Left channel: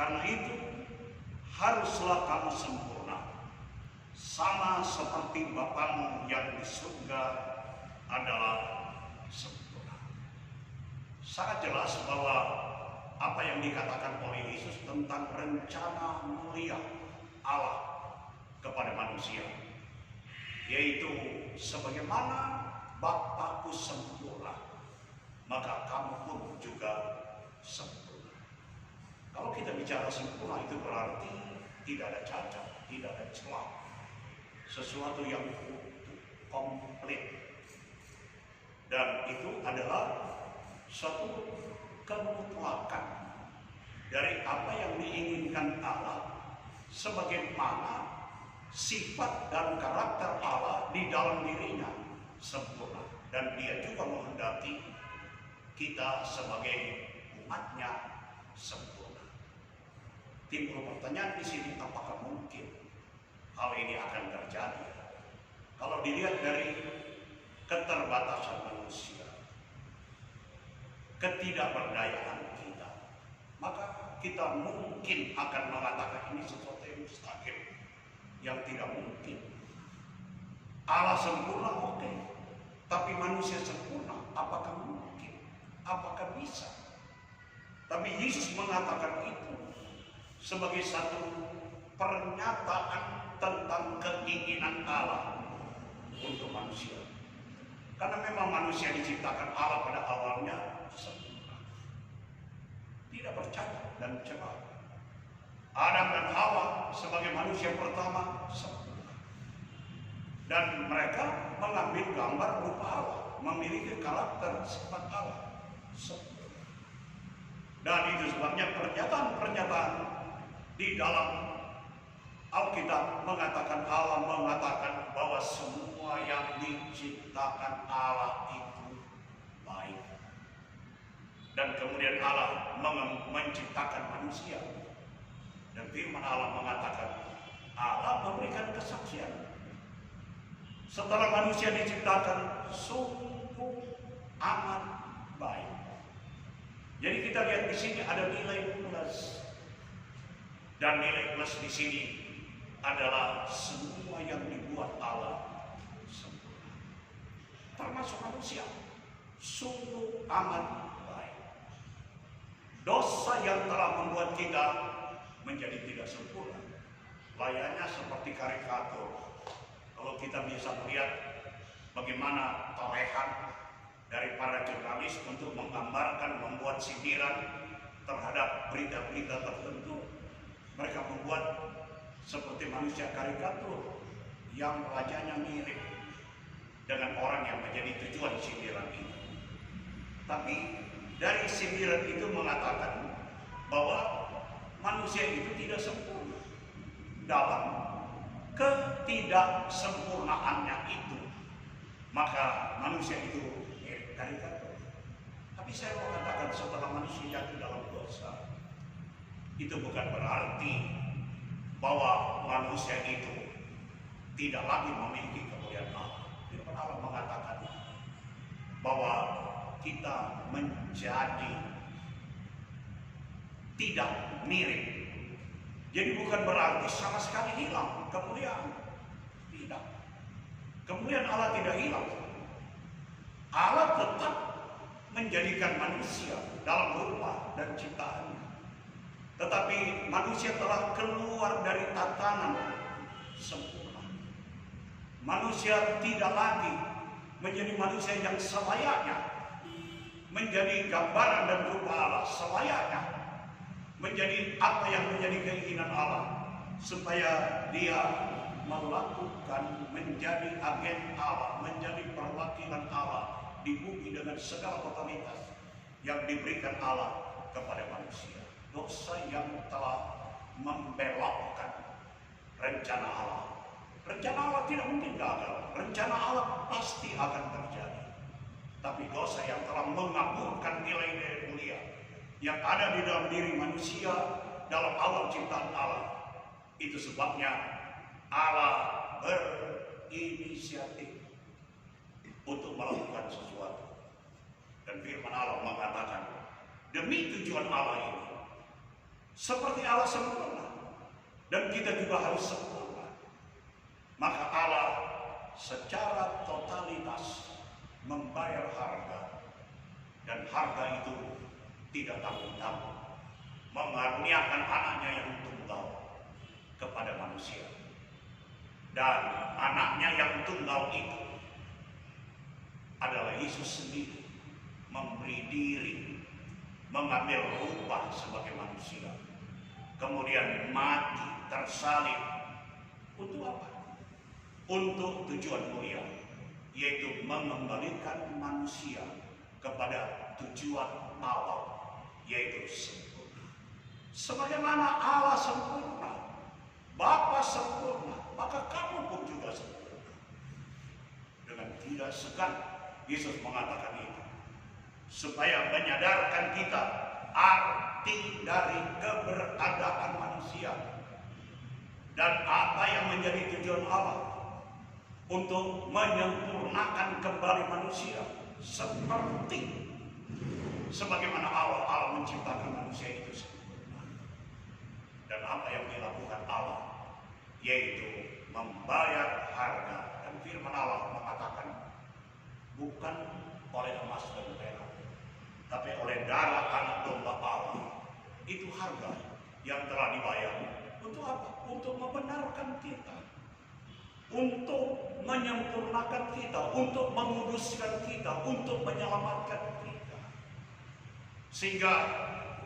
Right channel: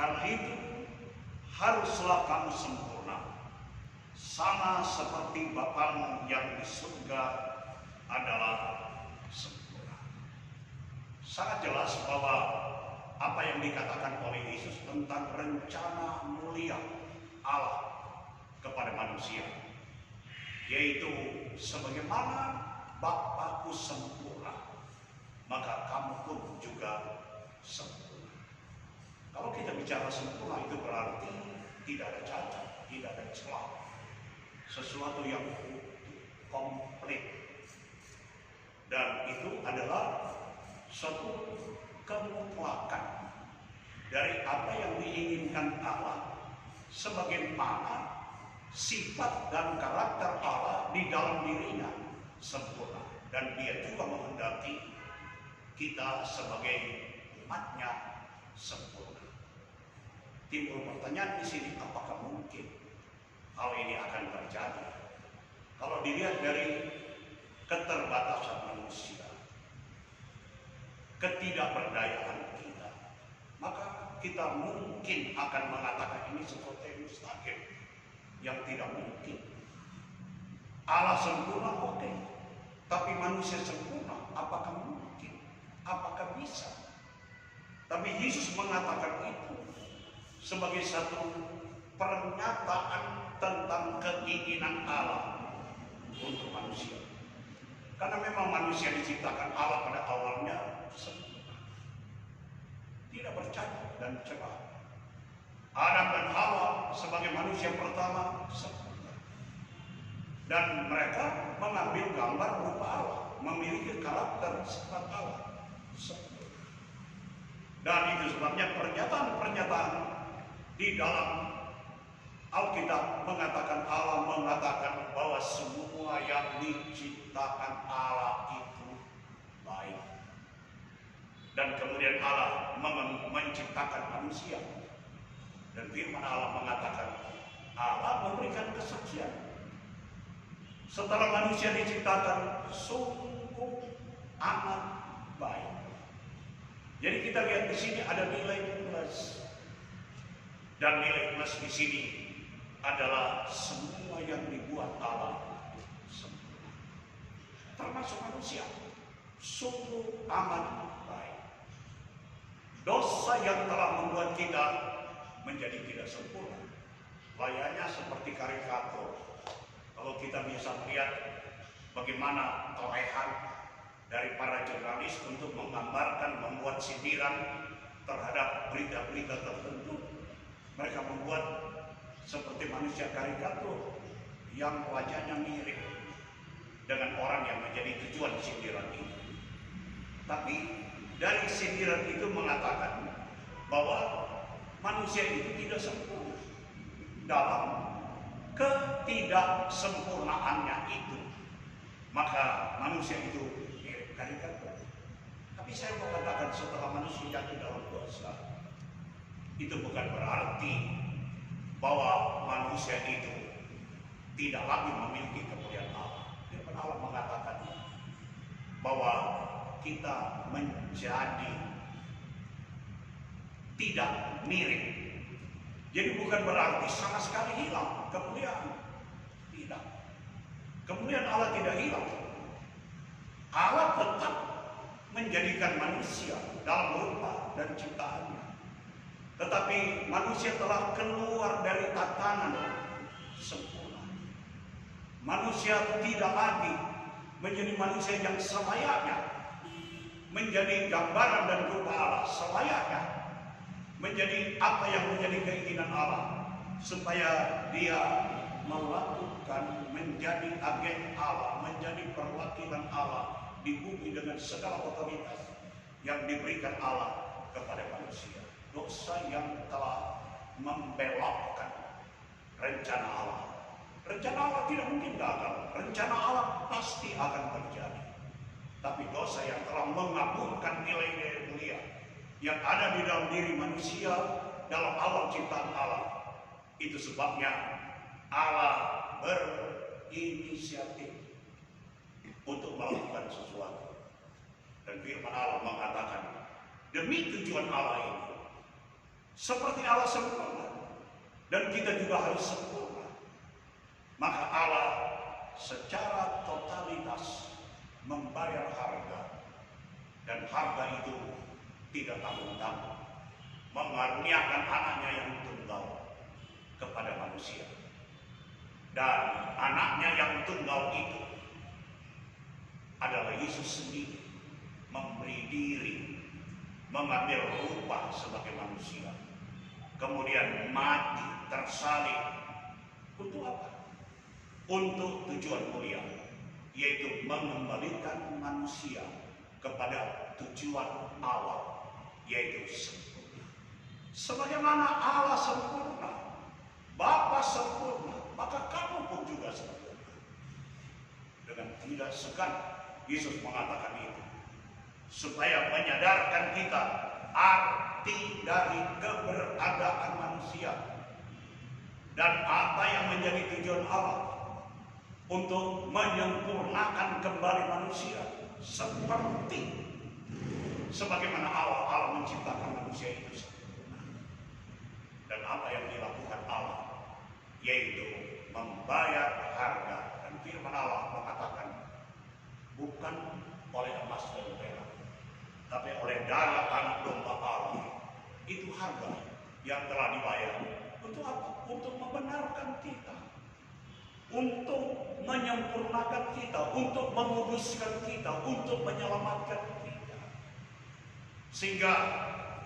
Karena itu haruslah kamu sempurna, sama seperti Bapamu yang di surga adalah sempurna. Sangat jelas bahwa apa yang dikatakan oleh Yesus tentang rencana mulia Allah kepada manusia, yaitu sebagaimana Bapakku sempurna, maka kamu pun juga sempurna. Kalau kita bicara sempurna itu berarti tidak ada cacat, tidak ada celah, sesuatu yang utuh, komplit. Dan itu adalah suatu kemutlakan dari apa yang diinginkan Allah, sebagaimana sifat dan karakter Allah di dalam dirinya sempurna, dan Dia juga menghendaki kita sebagai umatnya sempurna. Timbul pertanyaan di sini, apakah mungkin hal ini akan terjadi? Kalau dilihat dari keterbatasan manusia, ketidakberdayaan kita, maka kita mungkin akan mengatakan ini sesuatu yang mustahil, yang tidak mungkin. Allah sempurna, oke, tapi manusia sempurna, apakah mungkin? Apakah bisa? Tapi Yesus mengatakan itu sebagai satu pernyataan tentang keinginan Allah untuk manusia. Karena memang manusia diciptakan Allah pada awalnya sempurna, tidak bercacat dan celah. Adam dan Hawa sebagai manusia pertama sempurna, dan mereka mengambil gambar rupa Allah, memiliki karakter sifat Allah sempurna. Dan itu sebabnya pernyataan-pernyataan di dalam Alkitab mengatakan, Allah mengatakan bahwa semua yang diciptakan Allah itu baik. Dan kemudian Allah menciptakan manusia. Dan firman Allah mengatakan, Allah memberikan kesaksian. Setelah manusia diciptakan, sungguh amat baik. Jadi kita lihat di sini ada nilai plus. Dan nilai plus di sini adalah semua yang dibuat Allah sempurna, termasuk manusia, sungguh amat baik. Dosa yang telah membuat kita menjadi tidak sempurna, layaknya seperti karikatur. Kalau kita bisa melihat bagaimana torehan dari para jurnalis untuk menggambarkan, membuat sindiran terhadap berita-berita tertentu, mereka membuat seperti manusia karikatur yang wajahnya mirip dengan orang yang menjadi tujuan sindiran itu. Tapi dari sindiran itu mengatakan bahwa manusia itu tidak sempurna. Dalam ketidaksempurnaannya itu, maka manusia itu mirip karikatur. Tapi saya mau katakan, setelah manusia jatuh dalam dosa, itu bukan berarti bahwa manusia itu tidak lagi memiliki kemuliaan Allah. Firman Allah mengatakan bahwa kita menjadi tidak mirip. Jadi bukan berarti sama sekali hilang kemuliaan. Tidak. Kemuliaan Allah tidak hilang. Allah tetap menjadikan manusia dalam rupa dan ciptaannya. Tetapi manusia telah keluar dari tatanan sempurna. Manusia tidak lagi menjadi manusia yang selayaknya menjadi gambaran dan rupa Allah, selayaknya menjadi apa yang menjadi keinginan Allah, supaya dia melakukan, menjadi agen Allah, menjadi perwakilan Allah di bumi dengan segala otoritas yang diberikan Allah kepada manusia. Dosa yang telah membelokkan rencana Allah. Rencana Allah tidak mungkin gagal. Rencana Allah pasti akan terjadi. Tapi dosa yang telah mengaburkan nilai-nilai mulia yang ada di dalam diri manusia dalam awal ciptaan Allah, itu sebabnya Allah berinisiatif untuk melakukan sesuatu. Dan firman Allah mengatakan, demi tujuan Allah ini, seperti Allah sempurna, dan kita juga harus sempurna. Maka Allah secara totalitas membayar harga, dan harga itu tidak tanggung-tanggung, mengaruniakan anaknya yang tunggal kepada manusia. Dan anaknya yang tunggal itu adalah Yesus sendiri, memberi diri, mengambil rupa sebagai manusia, kemudian mati, tersalib. Untuk apa? Untuk tujuan mulia, yaitu mengembalikan manusia kepada tujuan awal, yaitu sempurna. Sebagaimana Allah sempurna, Bapa sempurna, maka kamu pun juga sempurna. Dengan tidak segan Yesus mengatakan itu, supaya menyadarkan kita arti dari keberadaan manusia dan apa yang menjadi tujuan Allah untuk menyempurnakan kembali manusia seperti sebagaimana awal Allah menciptakan manusia itu sempurna. Dan apa yang dilakukan Allah yaitu membayar harga, dan firman Allah mengatakan bukan oleh emas dan perak, tapi oleh darah anak domba Allah. Itu harga yang telah dibayar. Untuk apa? Untuk membenarkan kita, untuk menyempurnakan kita, untuk menguduskan kita, untuk menyelamatkan kita. Sehingga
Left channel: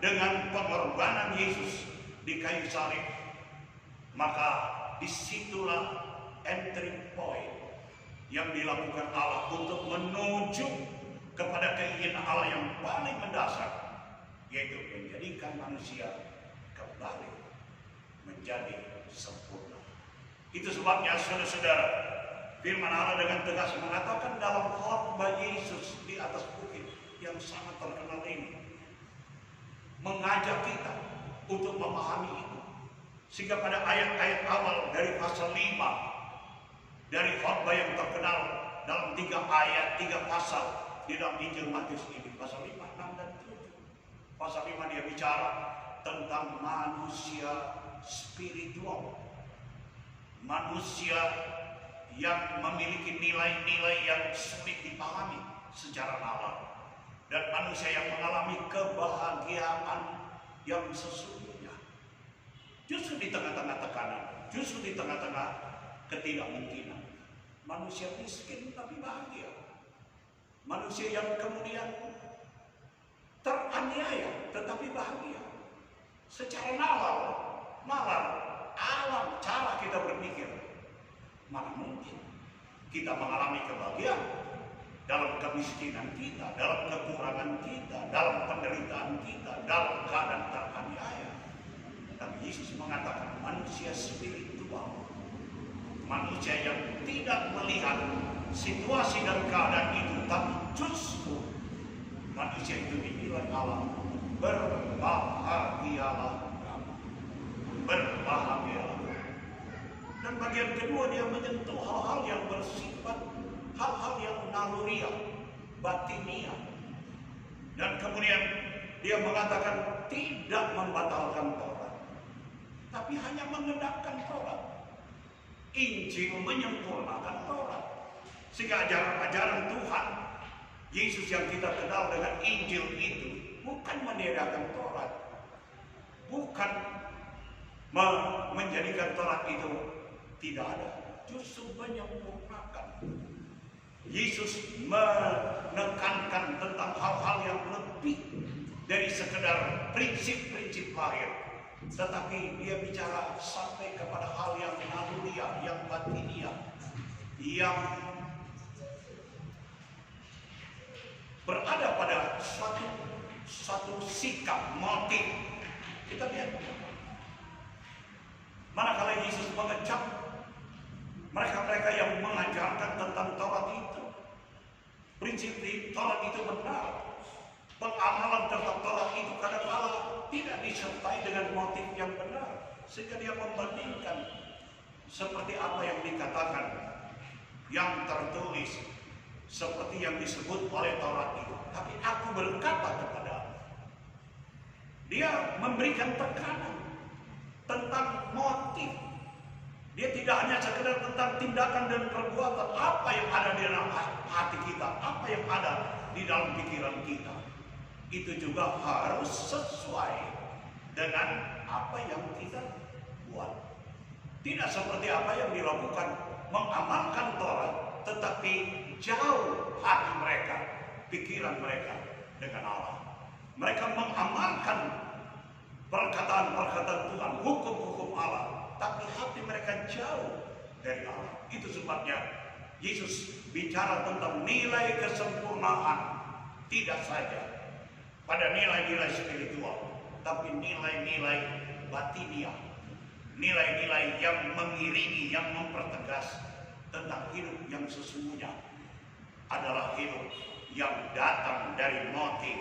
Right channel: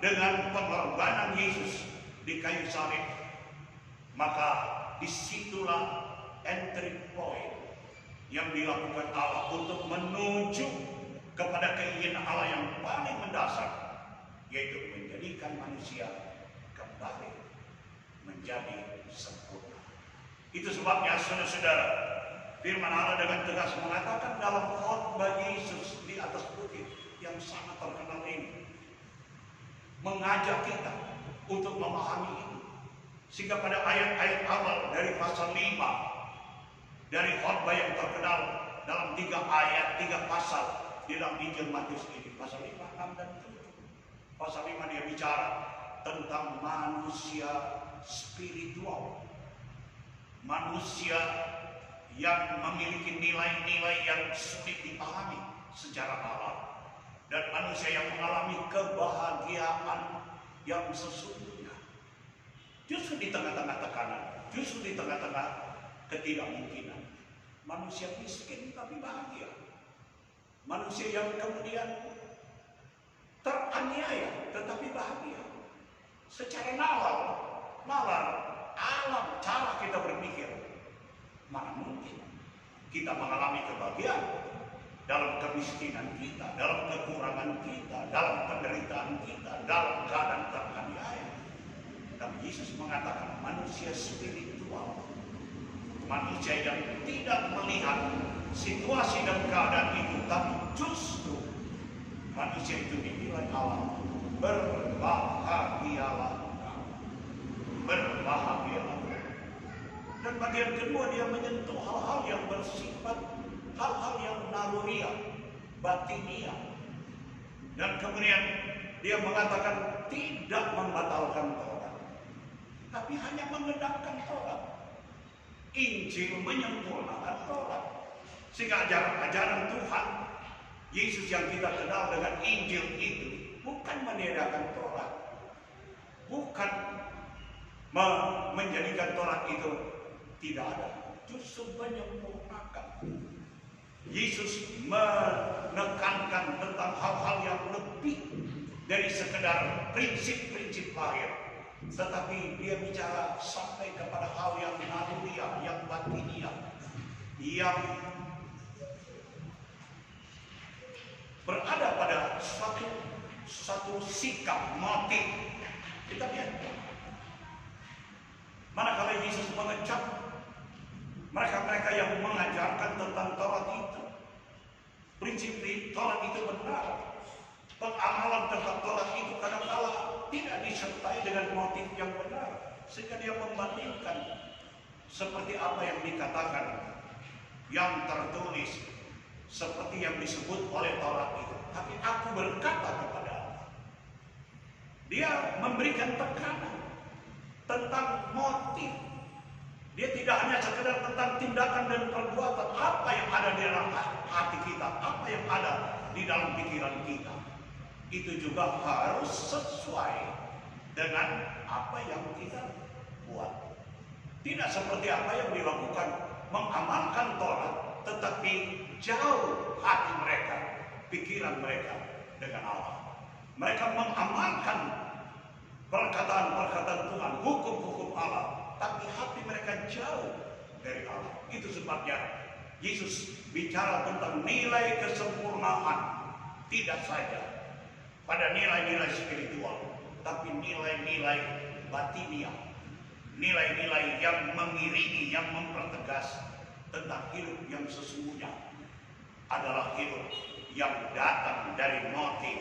dengan pengorbanan Yesus di kayu salib, maka disitulah entry point yang dilakukan Allah untuk menuju kepada keinginan Allah yang paling mendasar, yaitu menjadikan manusia kembali menjadi sempurna. Itu sebabnya saudara-saudara, firman Allah dengan tegas mengatakan dalam khotbah Yesus di atas bukit yang sangat terkenal ini, mengajak kita untuk memahami itu. Sehingga pada ayat-ayat awal dari pasal 5 dari khotbah yang terkenal dalam 3 ayat, 3 pasal di dalam Injil Matius ini, pasal 5, 6, dan 7. Pasal 5 dia bicara tentang manusia spiritual, manusia yang memiliki nilai-nilai yang sulit dipahami secara nalar, dan manusia yang mengalami kebahagiaan yang sesungguhnya. Justru di tengah-tengah tekanan, justru di tengah-tengah ketidakmungkinan, manusia miskin tapi bahagia. Manusia yang kemudian teraniaya tetapi bahagia. Secara nalar, alam, cara kita berpikir, mana mungkin kita mengalami kebahagiaan dalam kemiskinan kita, dalam kekurangan kita, dalam penderitaan kita, dalam keadaan teraniaya. Tapi Yesus mengatakan manusia spiritual, manusia yang tidak melihat situasi dan keadaan itu, tapi justru manusia itu dinilai Allah. Berbahagialah kamu, berbahagialah. Dan bagian kedua dia menyentuh hal-hal yang bersifat, hal-hal yang naluriah, batinia. Dan kemudian dia mengatakan tidak membatalkan Taurat, tapi hanya mengendakan Taurat. Injil menyempurnakan Taurat. Sehingga ajaran-ajaran Tuhan Yesus yang kita kenal dengan Injil itu bukan meniadakan Taurat, bukan menjadikan Taurat itu tidak ada, justru menyempurnakan. Yesus menekankan tentang hal-hal yang lebih dari sekedar prinsip-prinsip lahir, tetapi dia bicara sampai kepada hal yang naluriah, yang batiniah, yang berada pada suatu sikap, motif. Kita lihat, manakala Yesus mengecap mereka-mereka yang mengajarkan tentang Taurat itu, prinsip Taurat itu benar, pengamalan terhadap Taurat itu kadang-kala tidak disertai dengan motif yang benar, sehingga dia membandingkan seperti apa yang dikatakan, yang tertulis, seperti yang disebut oleh Taurat itu. Tapi aku berkata kepadamu, Dia memberikan tekanan tentang motif. Dia tidak hanya sekedar tentang tindakan dan perbuatan, apa yang ada di dalam hati kita, apa yang ada di dalam pikiran kita. Itu juga harus sesuai dengan apa yang kita buat. Tidak seperti apa yang dilakukan, mengamalkan Taurat, tetapi jauh hati mereka, pikiran mereka dengan Allah. Mereka mengamalkan perkataan-perkataan Tuhan, hukum-hukum Allah, tapi hati mereka jauh dari Allah. Itu sebabnya Yesus bicara tentang nilai kesempurnaan, tidak saja pada nilai-nilai spiritual, tapi nilai-nilai batiniah, nilai-nilai yang mengiringi, yang mempertegas tentang hidup yang sesungguhnya adalah hidup yang datang dari motif,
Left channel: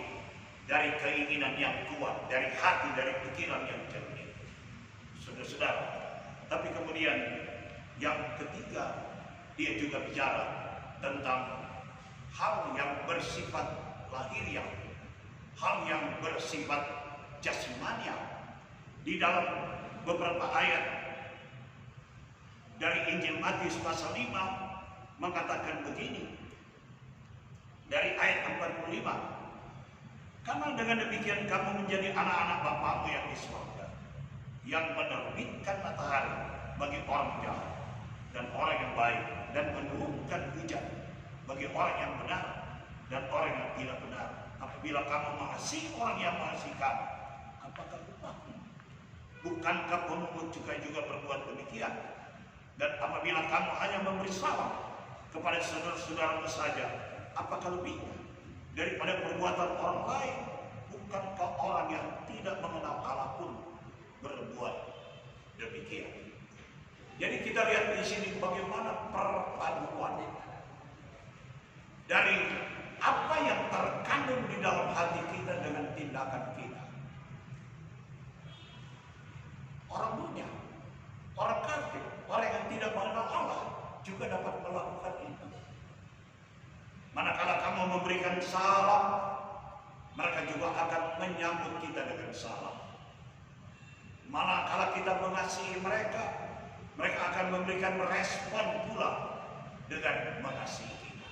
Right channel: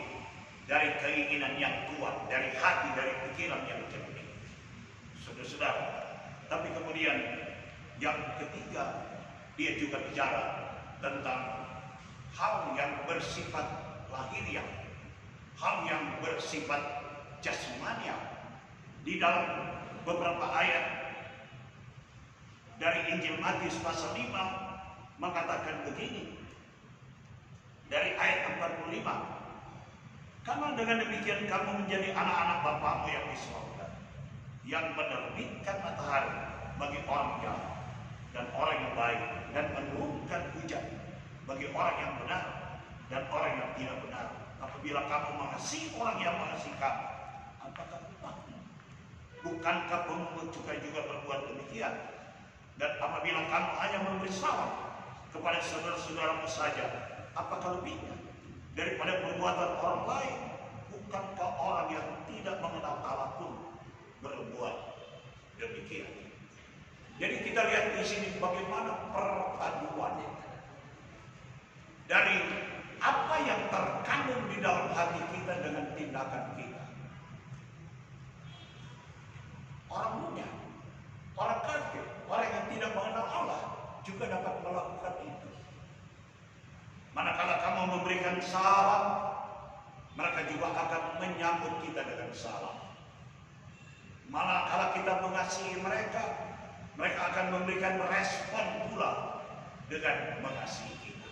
dari keinginan yang kuat, dari hati, dari pikiran yang jernih. Saudara-saudara, tapi kemudian yang ketiga, dia juga bicara tentang hal yang bersifat lahiriah, hal yang bersifat jasmaniah. Di dalam beberapa ayat dari Injil Matius pasal 5 mengatakan begini, dari ayat 45, karena dengan demikian kamu menjadi anak-anak Bapamu yang di surga, yang menerbitkan matahari bagi orang jahat dan orang yang baik, dan menurunkan hujan bagi orang yang benar dan orang yang tidak benar. Apabila kamu mengasihi orang yang mengasihi kamu, apakah upahmu? Bukankah pemungut cukai juga berbuat demikian? Dan apabila kamu hanya memberi salam kepada saudara-saudaramu saja, apakah lebihnya daripada perbuatan orang lain? Bukankah orang yang tidak mengenal Allah pun berbuat demikian? Jadi kita lihat di sini bagaimana perpaduan dari apa yang terkandung di dalam hati kita dengan tindakan kita. Orang dunia, orang kafir, orang yang tidak mengenal Allah juga dapat melakukan itu. Manakala kamu memberikan salam, mereka juga akan menyambut kita dengan salam. Manakala kita mengasihi mereka, mereka akan memberikan respon pula dengan mengasihi kita.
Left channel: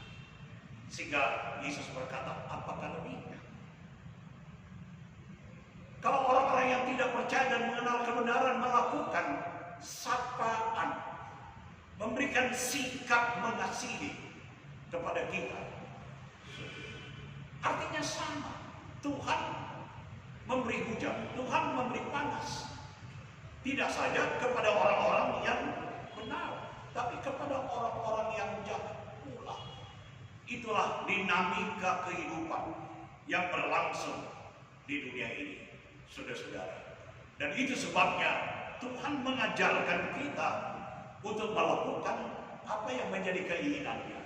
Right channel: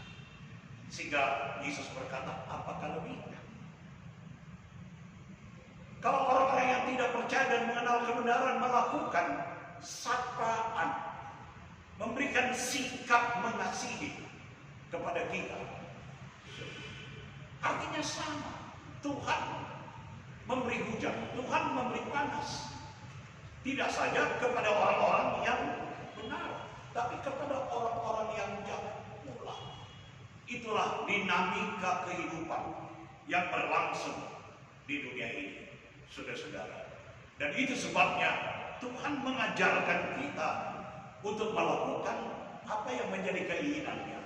Sehingga Yesus berkata, apakah lebihnya? Kalau orang-orang yang tidak percaya dan mengenal kebenaran melakukan sapaan, memberikan sikap mengasihi kepada kita, artinya sama. Tuhan memberi hujan, Tuhan memberi panas. Tidak saja kepada orang-orang yang benar, tapi kepada orang-orang yang jahat pula. Itulah dinamika kehidupan yang berlangsung di dunia ini, saudara-saudara. Dan itu sebabnya Tuhan mengajarkan kita untuk melakukan apa yang menjadi keinginannya.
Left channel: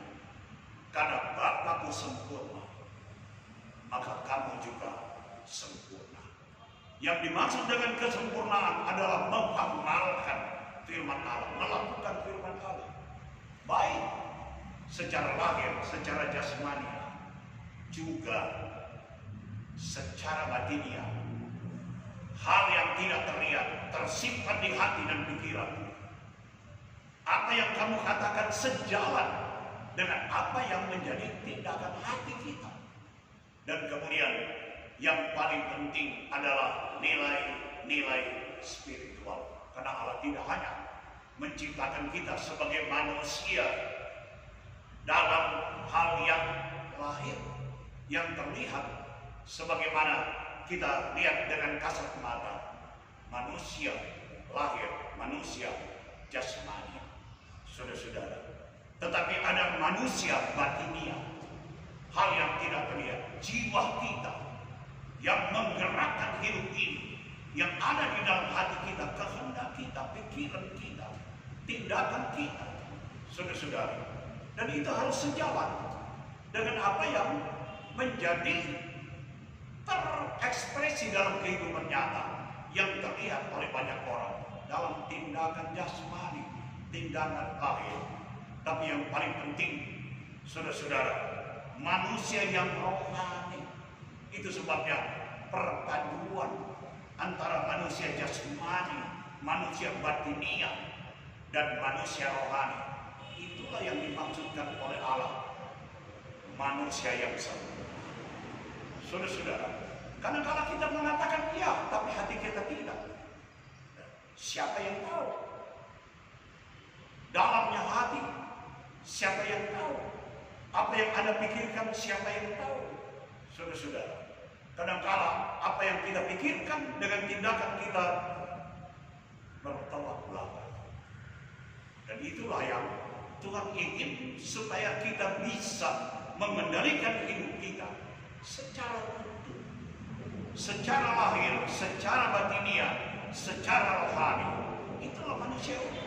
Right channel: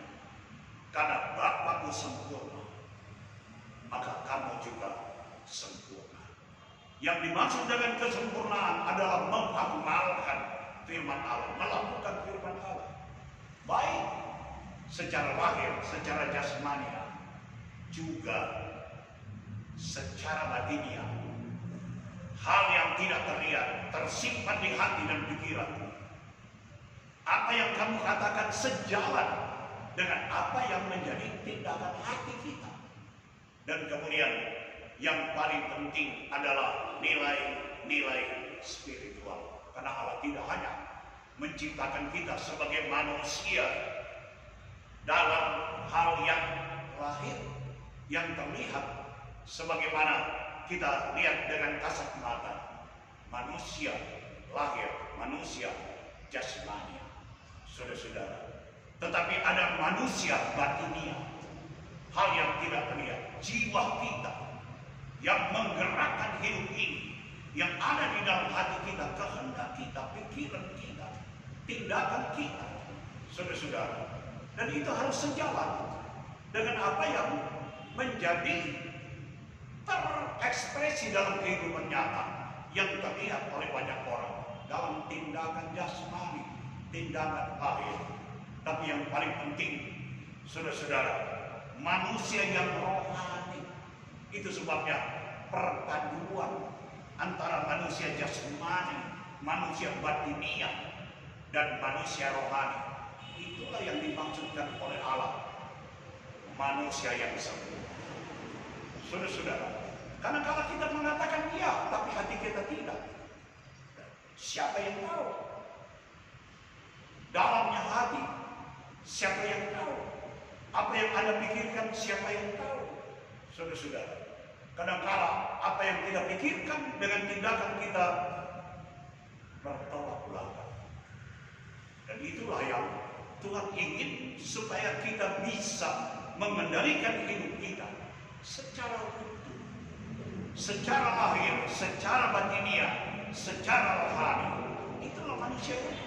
Karena Bapakku sempurna, maka kamu juga sempurna. Yang dimaksud dengan kesempurnaan adalah mengamalkan firman Allah, melakukan firman Allah, baik secara lahir, secara jasmania, juga secara batiniah. Hal yang tidak terlihat, tersimpan di hati dan pikiran. Apa yang kamu katakan sejalan dengan apa yang menjadi tindakan hati kita. Dan kemudian yang paling penting adalah nilai-nilai spiritual. Karena Allah tidak hanya menciptakan kita sebagai manusia dalam hal yang lahir, yang terlihat, sebagaimana kita lihat dengan kasat mata. Manusia lahir, manusia jasmania, saudara-saudara. Tetapi ada manusia batinia, hal yang tidak terlihat, jiwa kita yang menggerakkan hidup ini, yang ada di dalam hati kita, kehendak kita, pikiran kita, tindakan kita, saudara-saudara. Dan itu harus sejalan dengan apa yang menjadi terekspresi dalam kehidupan nyata yang terlihat oleh banyak orang dalam tindakan jasmani, tindakan lahir. Tapi yang paling penting, saudara-saudara, manusia yang rohani. Itu sebabnya perpaduan antara manusia jasmani, manusia batiniah, dan manusia rohani. Itulah yang dimaksudkan oleh Allah, manusia yang sempurna. Saudara-saudara, kadang-kadang kita mengatakan iya, tapi hati kita tidak. Siapa yang tahu? Dalamnya hati, siapa yang tahu? Apa yang Anda pikirkan, siapa yang tahu? Saudara-saudara, kadang-kadang apa yang kita pikirkan dengan tindakan kita bertolak belakang. Dan itulah yang Tuhan ingin supaya kita bisa mengendalikan hidup kita secara utuh, secara lahir, secara batiniah, secara rohani. Itulah manusia utuh.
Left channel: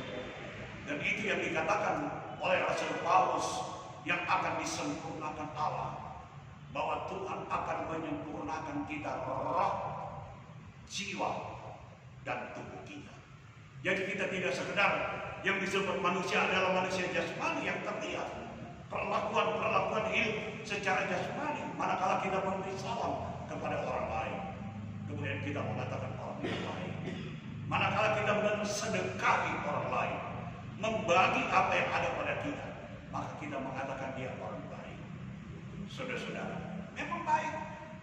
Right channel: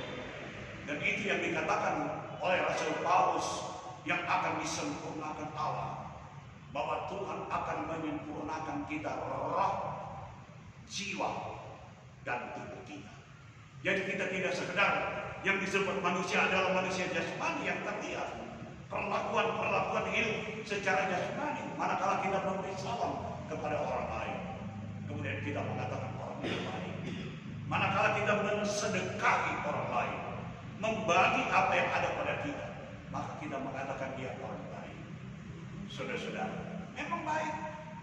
Dan itu yang dikatakan oleh Rasul Paulus, yang akan disempurnakan Allah, bahwa Tuhan akan menyempurnakan kita roh, jiwa, dan tubuh kita. Jadi kita tidak sekedar yang disebut manusia adalah manusia jasmani yang terlihat, perlakuan hidup secara jasmani, manakala kita memberi salam kepada orang lain, kemudian kita mengatakan orang yang baik. Manakala kita mensedekahi orang lain, membagi apa yang ada pada kita, maka kita mengatakan dia orang baik. Saudara-saudara, memang baik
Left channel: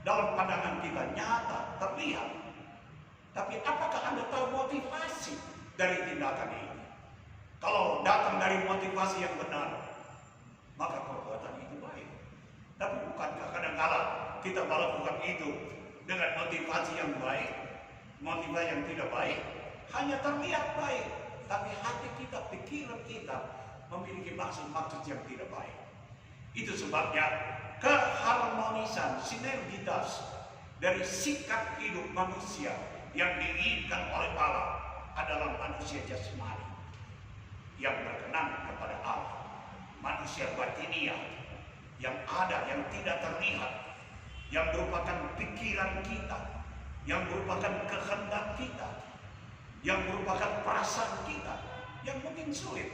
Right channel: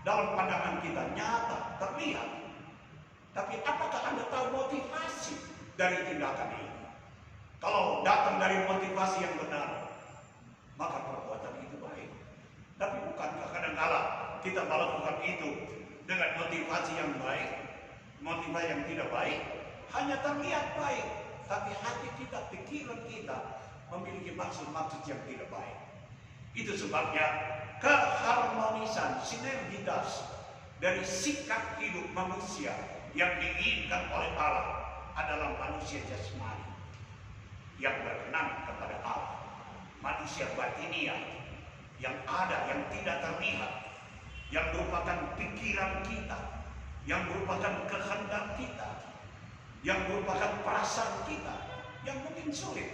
dalam pandangan kita, nyata, terlihat. Tapi apakah Anda tahu motivasi dari tindakan ini? Kalau datang dari motivasi yang benar, maka perbuatan itu baik. Tapi bukankah kadang-kala kita melakukan itu dengan motivasi yang baik, motivasi yang tidak baik, hanya terlihat baik, tapi hati kita, pikiran kita memiliki maksud-maksud yang tidak baik. Itu sebabnya keharmonisan, sinergitas dari sikap hidup manusia yang diinginkan oleh Allah adalah manusia jasmani yang berkenan kepada Allah, manusia batiniah yang ada, yang tidak terlihat, yang merupakan pikiran kita, yang merupakan kehendak kita, yang merupakan perasaan kita, yang mungkin sulit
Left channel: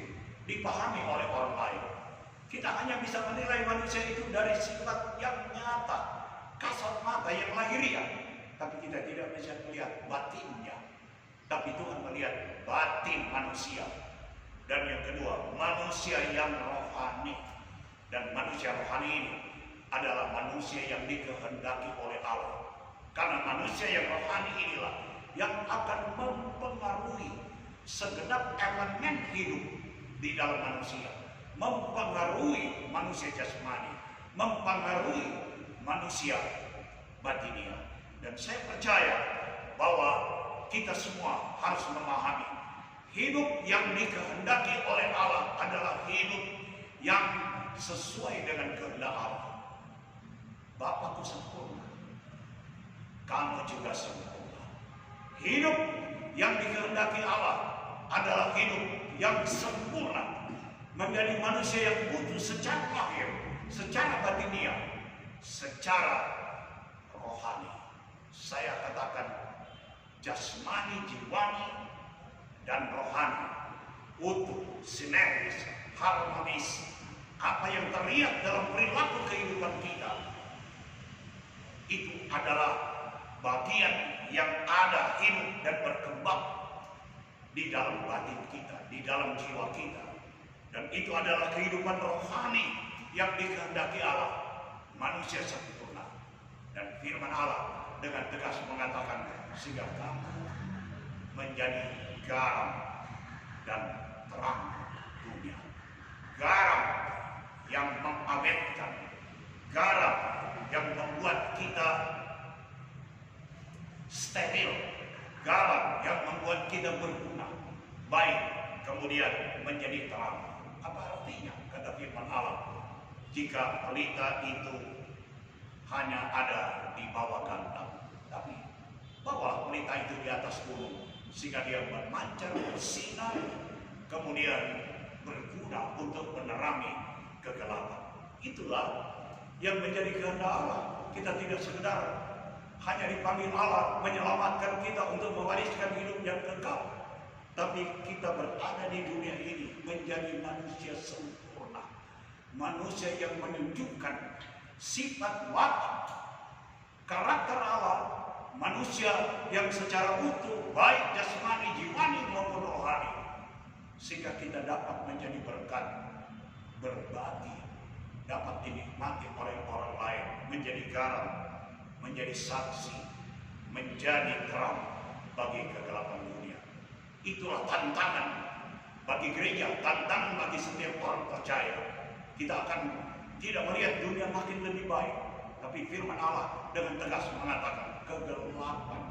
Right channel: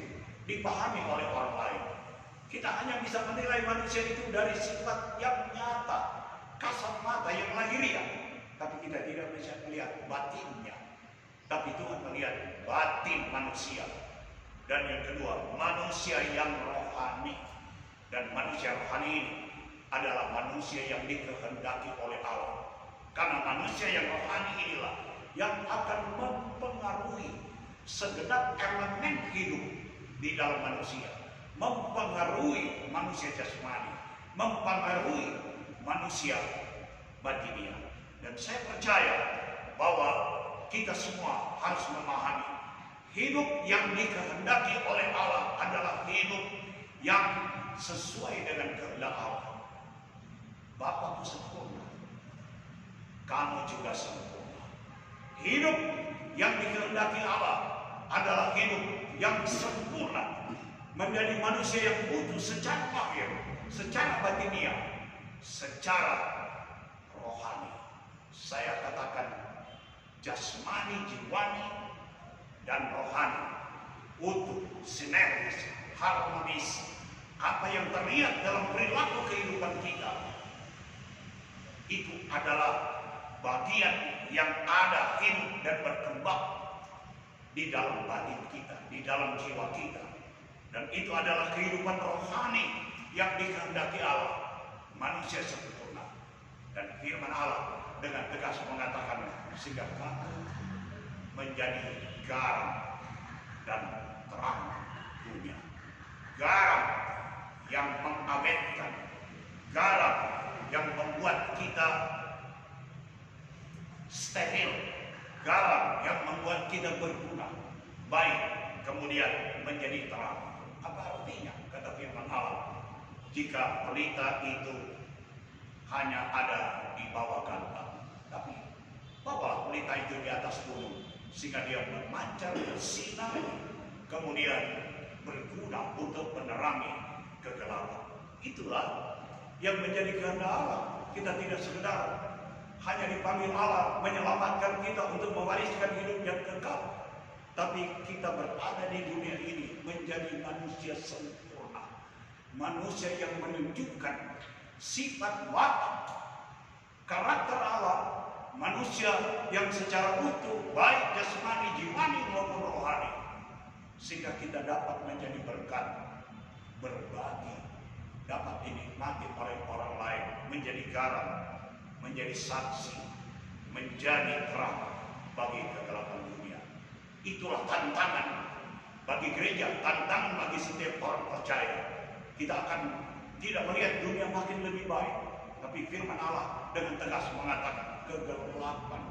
dipahami oleh orang lain. Kita hanya bisa menilai manusia itu dari sifat yang nyata, kasat mata yang lahiriah, tapi kita tidak bisa melihat batinnya. Tapi Tuhan melihat batin manusia. Dan yang kedua, manusia yang rohani. Dan manusia rohani ini adalah manusia yang dikehendaki oleh Allah. Karena manusia yang rohani inilah yang akan mempengaruhi segenap elemen hidup di dalam manusia, mempengaruhi manusia jasmani, mempengaruhi manusia batiniah. Dan saya percaya bahwa kita semua harus memahami hidup yang dikehendaki oleh Allah adalah hidup yang sesuai dengan kehendak Allah. Bapakku sempurna, kamu juga sempurna. Hidup yang dikehendaki Allah adalah hidup yang sempurna, menjadi manusia yang utuh secara lahir, secara batiniah, secara rohani. Saya katakan jasmani, jiwani, dan rohani utuh, sinergis, harmonis. Apa yang terlihat dalam perilaku kehidupan kita itu adalah bagian yang ada, hidup dan berkembang di dalam batin kita, di dalam jiwa kita. Dan itu adalah kehidupan rohani yang dikehendaki Allah, manusia sempurna. Dan firman Allah dengan tegas mengatakan, sehingga kamu menjadi garam dan terang dunia. Garam yang mengawetkan, garam yang membuat kita steril, garam yang membuat kita berguna, baik kemudian menjadi terang. Apa artinya? Kata firman Allah, jika pelita itu hanya ada di bawah gantang, tapi bawalah pelita itu di atas gunung, sehingga dia memancar, bersinar, kemudian berguna untuk menerangi kegelapan. Itulah yang menjadi kehendak Allah. Kita tidak sekedar hanya dipanggil Allah menyelamatkan kita untuk mewariskan hidup yang kekal, tapi kita berada di dunia ini menjadi manusia sempurna, manusia yang menunjukkan sifat watak karakter Allah manusia yang secara utuh, baik jasmani, jiwani maupun rohani, sehingga kita dapat menjadi berkat, berbagi, dapat dinikmati oleh orang lain, menjadi garam, menjadi saksi, menjadi terang bagi kegelapan dunia. Itulah tantangan bagi gereja, tantangan bagi setiap orang percaya. Kita akan tidak melihat dunia makin lebih baik, tapi firman Allah dengan tegas mengatakan kegelapan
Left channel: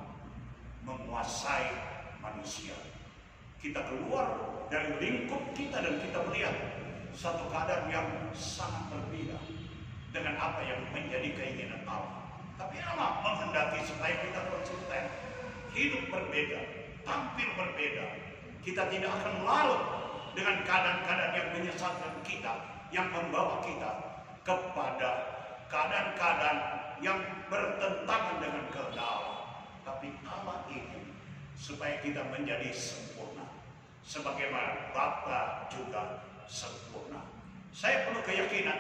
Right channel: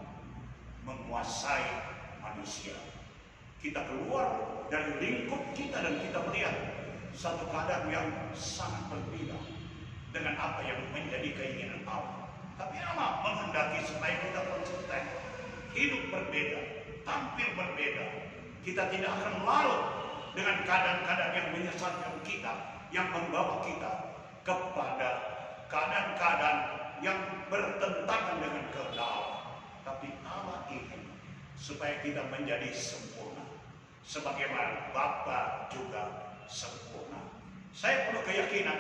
menguasai manusia. Kita keluar dari lingkup kita dan kita melihat satu keadaan yang sangat berbeda dengan apa yang menjadi keinginan Allah. Tapi Allah menghendaki supaya kita konsisten, hidup berbeda, tampil berbeda. Kita tidak akan larut dengan keadaan-keadaan yang menyesatkan kita, yang membawa kita kepada keadaan-keadaan yang bertentangan dengan kehendak Allah. Tapi Allah ingin supaya kita menjadi sempurna, sebagaimana Bapa juga sempurna. Saya penuh keyakinan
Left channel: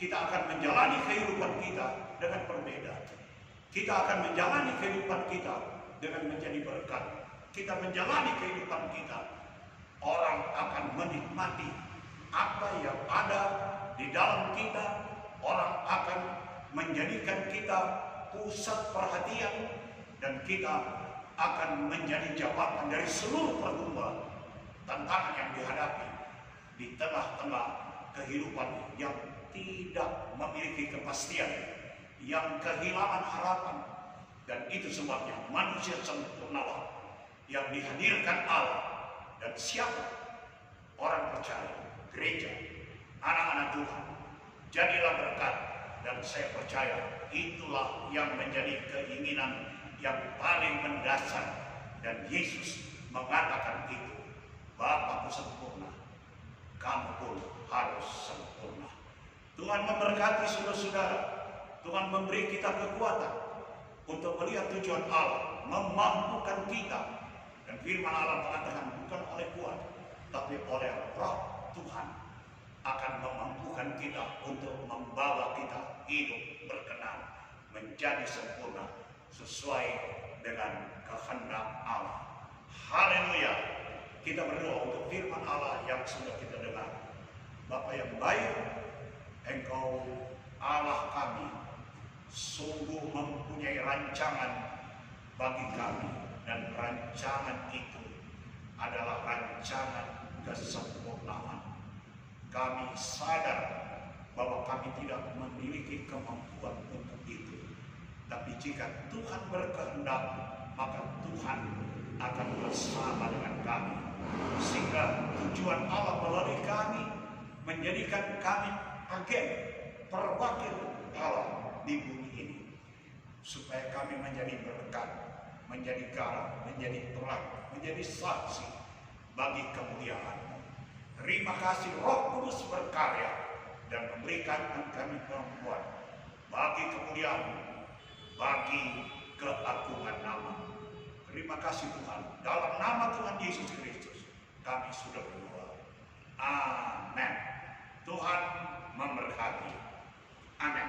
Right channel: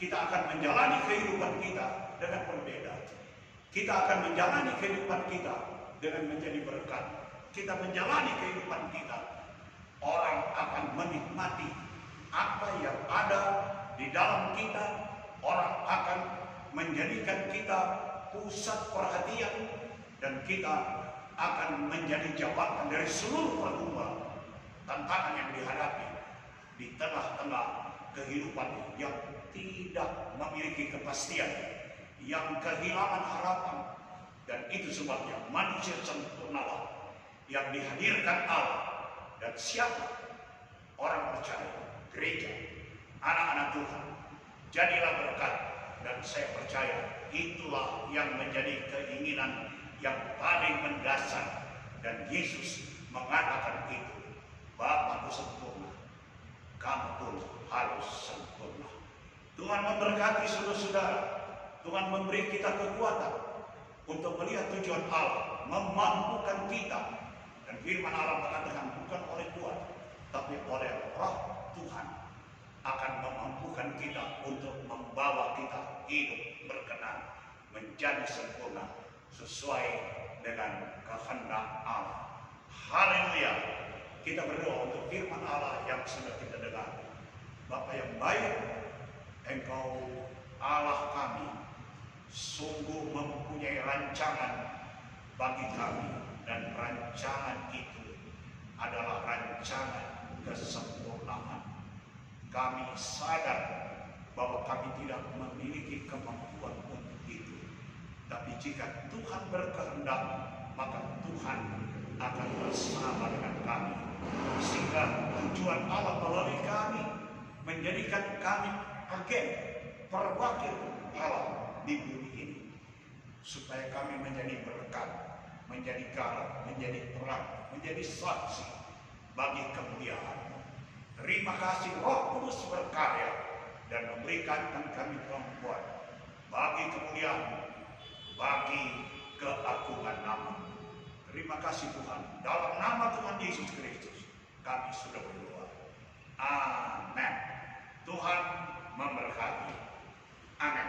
kita akan menjalani kehidupan kita dengan berbeda. Kita akan menjalani kehidupan kita dengan menjadi berkat. Kita menjalani kehidupan kita, orang akan menikmati apa yang ada di dalam kita. Orang akan menjadikan kita pusat perhatian, dan kita akan menjadi jawaban dari seluruh pergumulan, tantangan yang dihadapi di tengah-tengah kehidupan yang tidak memiliki kepastian, yang kehilangan harapan. Dan itu sebabnya manusia sempurnalah yang dihadirkan Allah. Dan siapa? Orang percaya, gereja, anak-anak Tuhan, jadilah berkat. Dan saya percaya itulah yang menjadi keinginan yang paling mendasar. Dan Yesus mengatakan itu, Bapakku sempurna, kamu pun harus sempurna. Tuhan memberkati saudara-saudara. Tuhan memberi kita kekuatan untuk melihat tujuan Allah, memampukan kita. Dan firman Allah mengatakan bukan oleh kuat, tapi oleh Roh Tuhan akan memampukan kita untuk membawa kita hidup berkenan, menjadi sempurna sesuai dengan kehendak Allah. Haleluya. Kita berdoa untuk firman Allah yang sudah kita dengar. Bapa yang baik, Engkau Allah kami sungguh mempunyai rancangan bagi kami, dan rancangan itu adalah rancangan kesempurnaan. Kami sadar bahwa kami tidak memiliki kemampuan untuk itu, tapi jika Tuhan berkehendak, maka Tuhan akan bersama dengan kami, sehingga tujuan Allah melalui kami menjadikan kami agen perwakil Allah di bumi ini, supaya kami menjadi berkat, menjadi garam, menjadi terang, menjadi saksi bagi kemuliaan-Mu. Terima kasih Roh Kudus berkarya dan memberikan kami kemampuan bagi kemuliaan, bagi keagungan nama. Terima kasih Tuhan. Dalam nama Tuhan Yesus Kristus kami sudah berdoa. Amin. Tuhan memberkati. Amin.